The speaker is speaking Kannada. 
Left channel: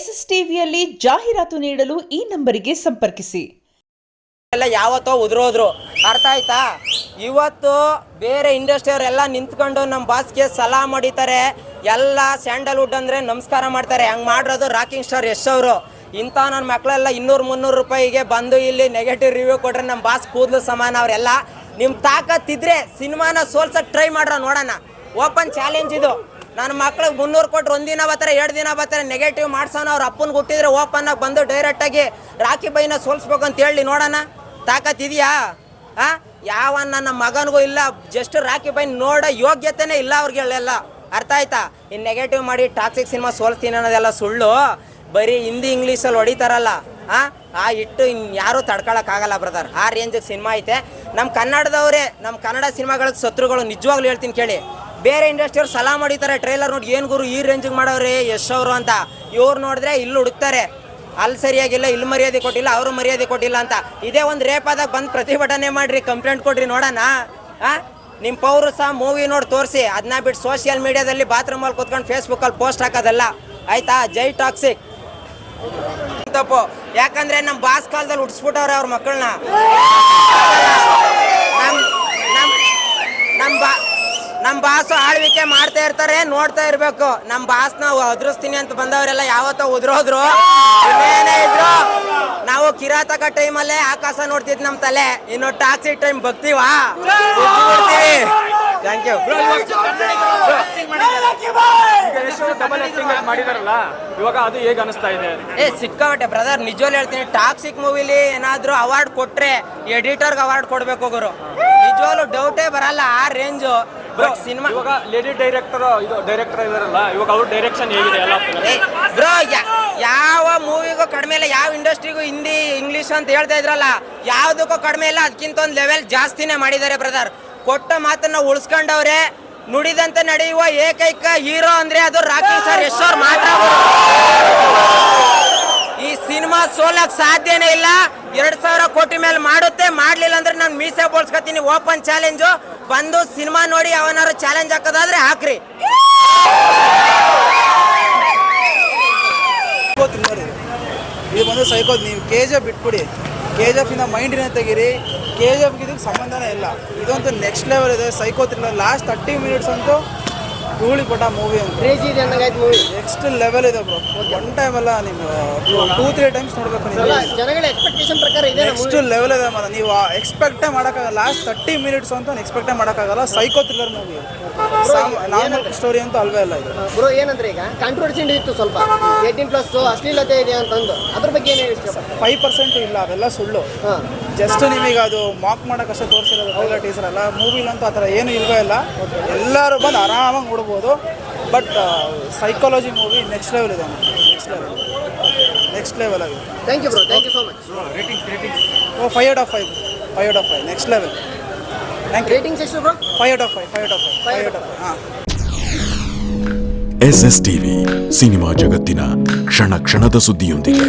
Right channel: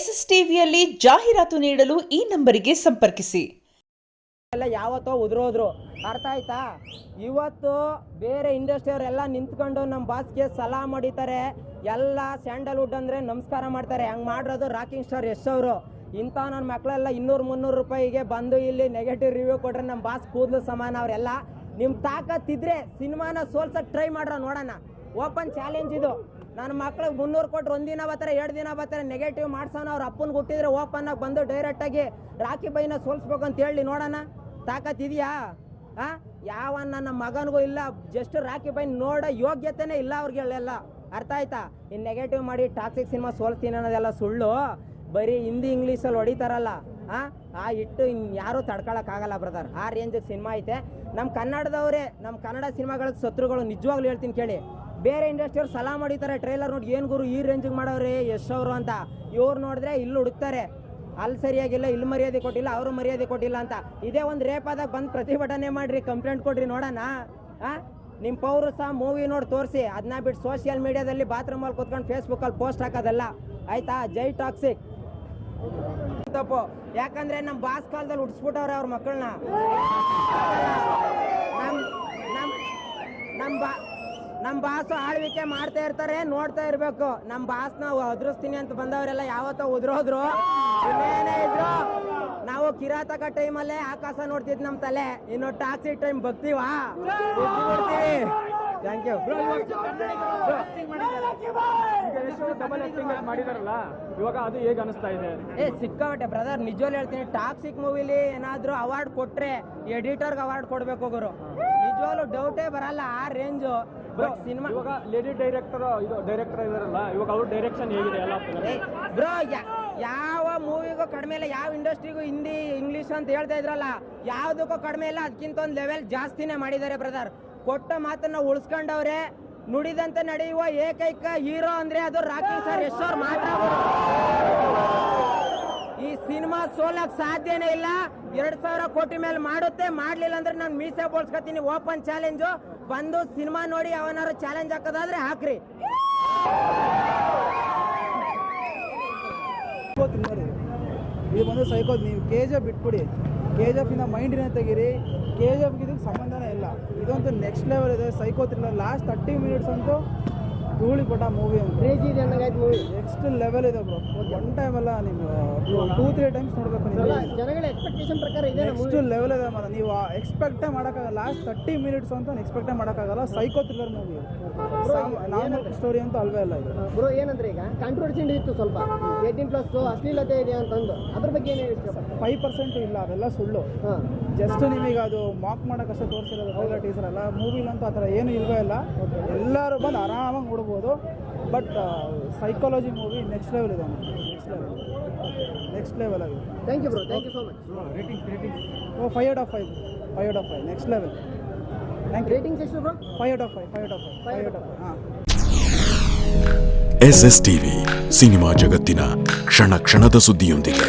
SSTVಯಲ್ಲಿ ಜಾಹೀರಾತು ನೀಡಲು ಈ ನಂಬರಿಗೆ ಸಂಪರ್ಕಿಸಿ. ಎಲ್ಲ ಯಾವತ್ತೋ ಉದುರೋದ್ರು, ಅರ್ಥ ಆಯ್ತಾ? ಇವತ್ತು ಬೇರೆ ಇಂಡಸ್ಟ್ರಿಯವರೆಲ್ಲ ನಿಂತ್ಕೊಂಡು ನಮ್ಮ ಬಾಸ್ಗೆ ಸಲಾಮ್ ಹೊಡಿತಾರೆ, ಎಲ್ಲ ಸ್ಯಾಂಡಲ್ವುಡ್ ಅಂದರೆ ನಮಸ್ಕಾರ ಮಾಡ್ತಾರೆ. ಹಂಗೆ ಮಾಡಿರೋದು ರಾಕಿಂಗ್ ಸ್ಟಾರ್ ಯಶ್ ಅವರು. ಇಂಥ ನನ್ನ ಮಕ್ಕಳೆಲ್ಲ 200-300 ರೂಪಾಯಿಗೆ ಬಂದು ಇಲ್ಲಿ ನೆಗೆಟಿವ್ ರಿವ್ಯೂ ಕೊಟ್ರೆ ನಮ್ಮ ಬಾಸ್ ಕೂದಲು ಸಮಾನ. ಅವರೆಲ್ಲ ನಿಮ್ಮ ತಾಕತ್ತಿದ್ರೆ ಸಿನಿಮಾನ ಸೋಲ್ಸಕ್ಕೆ ಟ್ರೈ ಮಾಡ್ರ ನೋಡೋಣ. ಓಪನ್ ಚಾಲೆಂಜ್ ಇದು. ನನ್ನ ಮಕ್ಳಿಗೆ 300 ಕೊಟ್ಟರೆ ಒಂದಿನ ಬರ್ತಾರೆ, 2 ದಿನ ಬರ್ತಾರೆ, ನೆಗೆಟಿವ್ ಮಾಡ್ಸೋಣ. ಅವ್ರ ಅಪ್ಪನ ಹುಟ್ಟಿದ್ರೆ ಓಪನ್ ಆಗಿ ಬಂದು ಡೈರೆಕ್ಟಾಗಿ ರಾಕಿ ಬೈನ ಸೋಲ್ಸ್ಬೇಕು ಅಂತ ಹೇಳಿ ನೋಡೋಣ. ತಾಕತ್ತಿದೆಯಾ? ಯಾವ ನನ್ನ ಮಗನಿಗೂ ಇಲ್ಲ. ಜಸ್ಟ್ ರಾಕಿ ಬೈನ್ ನೋಡೋ ಯೋಗ್ಯತೆನೇ ಇಲ್ಲ ಅವ್ರಿಗೆಲ್ಲ. ಅರ್ಥ ಆಯ್ತಾ? ಇನ್ನು ನೆಗೆಟಿವ್ ಮಾಡಿ ಟಾಕ್ಸಿಕ್ ಸಿನಿಮಾ ಸೋಲ್ಸ್ತೀನಿ ಅನ್ನೋದೆಲ್ಲ ಸುಳ್ಳು. ಬರೀ ಹಿಂದಿ ಇಂಗ್ಲೀಷಲ್ಲಿ ಹೊಡಿತಾರಲ್ಲ, ಆ ಇಟ್ಟು ಯಾರೂ ತಡ್ಕೊಳಕ್ಕಾಗಲ್ಲ ಬ್ರದರ್. ಆ ರೇಂಜಿಗೆ ಸಿನಿಮಾ ಐತೆ. ನಮ್ಮ ಕನ್ನಡದವರೇ, ನಮ್ಮ ಕನ್ನಡ ಸಿನಿಮಾಗಳಿಗೆ ಶತ್ರುಗಳು. ನಿಜವಾಗ್ಲೂ ಹೇಳ್ತೀನಿ ಕೇಳಿ. ಬೇರೆ ಇಂಡಸ್ಟ್ರಿಯವ್ರು ಸಲಾಮ್ ಹೊಡಿತಾರೆ, ಟ್ರೈಲರ್ ನೋಡಿ ಏನು ಗುರು ಈ ರೇಂಜಿಗೆ ಮಾಡೋರೆ ಯಶ್ ಅವರು ಅಂತ. ಇವ್ರು ನೋಡಿದ್ರೆ ಇಲ್ಲಿ ಹುಡುಕ್ತಾರೆ, ಅಲ್ಲಿ ಸರಿಯಾಗಿಲ್ಲ, ಇಲ್ಲಿ ಮರ್ಯಾದೆ ಕೊಟ್ಟಿಲ್ಲ, ಅವರು ಮರ್ಯಾದೆ ಕೊಟ್ಟಿಲ್ಲ ಅಂತ. ಇದೇ ಒಂದು ರೇಪ್ ಆದಾಗ ಬಂದು ಪ್ರತಿಭಟನೆ ಮಾಡಿರಿ, ಕಂಪ್ಲೇಂಟ್ ಕೊಡ್ರಿ ನೋಡೋಣ. ನಿಮ್ಮ ಪೌರಸ ಮೂವಿ ನೋಡಿ ತೋರಿಸಿ. ಅದನ್ನ ಬಿಟ್ಟು ಸೋಷಿಯಲ್ ಮೀಡಿಯಾದಲ್ಲಿ ಬಾತ್ರೂಮಲ್ಲಿ ಕೂತ್ಕೊಂಡು ಫೇಸ್ಬುಕ್ಕಲ್ಲಿ ಪೋಸ್ಟ್ ಹಾಕೋದಲ್ಲ, ಆಯ್ತಾ? ಜೈ ಟಾಕ್ಸಿಕ್ ತಪ್ಪು. ಯಾಕಂದ್ರೆ ನಮ್ಮ ಬಾಸ್ ಕಾಲದಲ್ಲಿ ಹುಟ್ಟಿಸ್ಬಿಟ್ಟವ್ರೆ ಅವ್ರ ಮಕ್ಕಳನ್ನ. ನಮ್ಮ ಬಾಸು ಆಳ್ವಿಕೆ ಮಾಡ್ತಾ ಇರ್ತಾರೆ, ನೋಡ್ತಾ ಇರ್ಬೇಕು. ನಮ್ಮ ಬಾಸ್ ನಾವು ಅದ್ರಿಸ್ತೀನಿ ಅಂತ ಬಂದವರೆಲ್ಲ ಯಾವತ್ತೋ ಉದ್ರೋದ್ರು. ಇನ್ನೇನೇ ಇದ್ರು ನಾವು ಕಿರಾತಕ ಟೈಮಲ್ಲೇ ಆಕಾಶ ನೋಡ್ತಿದ್ ನಮ್ಮ ತಲೆ. ಇನ್ನು ಟಾಕ್ಸಿಕ್ ಟೈಮ್ ಬಗ್ತೀವಾ? Thank you. ಮಾಡಿದಾರಲ್ಲ ಇವಾಗ ಅದು ಹೇಗೆ ಅನಿಸ್ತಾ ಇದೆ? ಸಿಕ್ಕಾಬಟ್ಟೆ ಬ್ರದರ್. ನಿಜವಾಗ್ಲೂ ಹೇಳ್ತೀನಿ, ಟಾಕ್ಸಿಕ್ ಮೂವಿಲಿ ಏನಾದ್ರು ಅವಾರ್ಡ್ ಕೊಟ್ರೆ ಎಡಿಟರ್ಗೆ ಅವಾರ್ಡ್ ಕೊಡ್ಬೇಕು ಗುರು. ನಿಜವಾಗ್ಲೂ ಡೌಟೇ ಬರಲ್ಲ, ಆ ರೇಂಜು. ಬಟ್ ಸಿನಿಮಾ ಇವಾಗ ಲೇಡಿ ಡೈರೆಕ್ಟರ್ ಇದಾರಲ್ಲ, ಇವಾಗ ಅವ್ರ ಡೈರೆಕ್ಷನ್ ಹೇಗಿದೆ ಎಲ್ಲ ಬ್ರೋ? ಯಾವ ಮೂವಿಗೂ ಕಡಿಮೆ ಇಲ್ಲ, ಯಾವ ಇಂಡಸ್ಟ್ರಿಗೂ ಹಿಂದಿ ಇಂಗ್ಲಿಷ್ ಅಂತ ಹೇಳ್ತಾ ಇದ್ರಲ್ಲ, ಯಾವ್ದಕ್ಕೂ ಕಡಿಮೆ ಇಲ್ಲ. ಅದಕ್ಕಿಂತ ಒಂದು ಲೆವೆಲ್ ಜಾಸ್ತಿನೇ ಮಾಡಿದ್ದಾರೆ ಬ್ರದರ್. ಕೊಟ್ಟ ಮಾತನ್ನ ಉಳಿಸ್ಕೊಂಡವ್ರೆ. ನುಡಿದಂತೆ ನಡೆಯುವ ಏಕೈಕ ಹೀರೋ ಅಂದ್ರೆ ಅದು ರಾಕಿಂಗ್ ಸ್ಟಾರ್ ಯಶ್ ಅವ್ರು ಮಾತ್ರ. ಈ ಸಿನಿಮಾ ಸೋಲಕ್ ಸಾಧ್ಯನೇ ಇಲ್ಲ. 2,000 ಕೋಟಿ ಮೇಲೆ ಮಾಡುತ್ತೆ. ಮಾಡ್ಲಿಲ್ಲ ಅಂದ್ರೆ ನಾನು ಮೀಸೆ ಬೋಳ್ಸ್ಕೊತೀನಿ. Open challenge. ಬಂದು ಸಿನಿಮಾ ನೋಡಿ ಅವನಾರು ಚಾಲೆಂಜ್ ಹಾಕೋದಾದ್ರೆ ಹಾಕ್ರಿ. ಇದು ಬಂದು ಸೈಕೋದ್. ನೀವು KGF ಬಿಟ್ಬಿಡಿ, KGF ಇಂದ ಮೈಂಡಿನ ತೆಗೀರಿ. KGF ಇದಕ್ಕೆ ಸಂಬಂಧನೇ ಇಲ್ಲ. ಇದಂತೂ ನೆಕ್ಸ್ಟ್ ಲೆವೆಲ್ ಇದೆ. Psycho thriller. ಲಾಸ್ಟ್ 30 ಮಿನಿಟ್ಸ್ ಅಂತೂ ಧೂಳಿ ಪಟ ಮೂವಿ ಅಂತ ಮೂವಿ ನೆಕ್ಸ್ಟ್ ಲೆವೆಲ್ ಇದೆ ಬ್ರೋ. ಒನ್ ಟೈಮ್ ಅಲ್ಲ, ನೀವು 2-3 ಟೈಮ್ಸ್ ನೋಡ್ಬೇಕು. ನೆಕ್ಸ್ಟ್ ಲೆವೆಲ್ ಇದೆ ಮಾತ್ರ. ನೀವು ಎಕ್ಸ್ಪೆಕ್ಟೇ ಮಾಡೋಕ್ಕಾಗಲ್ಲ. ಲಾಸ್ಟ್ 30 ಮಿನಿಟ್ಸ್ ಅಂತ ಎಕ್ಸ್ಪೆಕ್ಟೇ ಮಾಡೋಕ್ಕಾಗಲ್ಲ. Psycho thriller movie, normal story ಅಂತೂ ಅಲ್ವೇ ಅಲ್ಲ ಇದು ಬ್ರೋ. ಏನಂದ್ರೆ ಈಗ ಕಾಂಟ್ರವರ್ಸಿ ಇತ್ತು ಸ್ವಲ್ಪ, 18+ ಅಶ್ಲೀಲತೆ ಇದೆ ಅಂತಂದು, ಅದ್ರ ಬಗ್ಗೆ ಏನು ಹೇಳಿ? 5% ಇಲ್ಲ, ಅವೆಲ್ಲ ಸುಳ್ಳು. ಜಸ್ಟ್ ನಿಮಗೆ ಅದು ಮಾಕ್ ಮಾಡೋಕ್ಕಷ್ಟೇ ತೋರಿಸಿರೋದು ಟ್ರೈಲರ್ ಟೀಸರ್ ಅಲ್ಲ. ಮೂವಿಲಂತೂ ಆ ಥರ ಏನೂ ಇಲ್ವೇ ಇಲ್ಲ. ಎಲ್ಲರೂ ಬಂದು ಆರಾಮಾಗಿ ನೋಡ್ಬೋದು. But psychology movie next level ಇದೆ. ನೆಕ್ಸ್ಟ್ ಲೆವೆಲ್ ಆಗಿದೆ. Thank you bro, thank you so much. Rating 5/5 next level. Ratings ಎಷ್ಟು ಬ್ರೋ? 5/5 ಹಾಂ. SSTV ಸಿನಿಮಾ ಜಗತ್ತಿನ ಕ್ಷಣ ಕ್ಷಣದ ಸುದ್ದಿಯೊಂದಿಗೆ.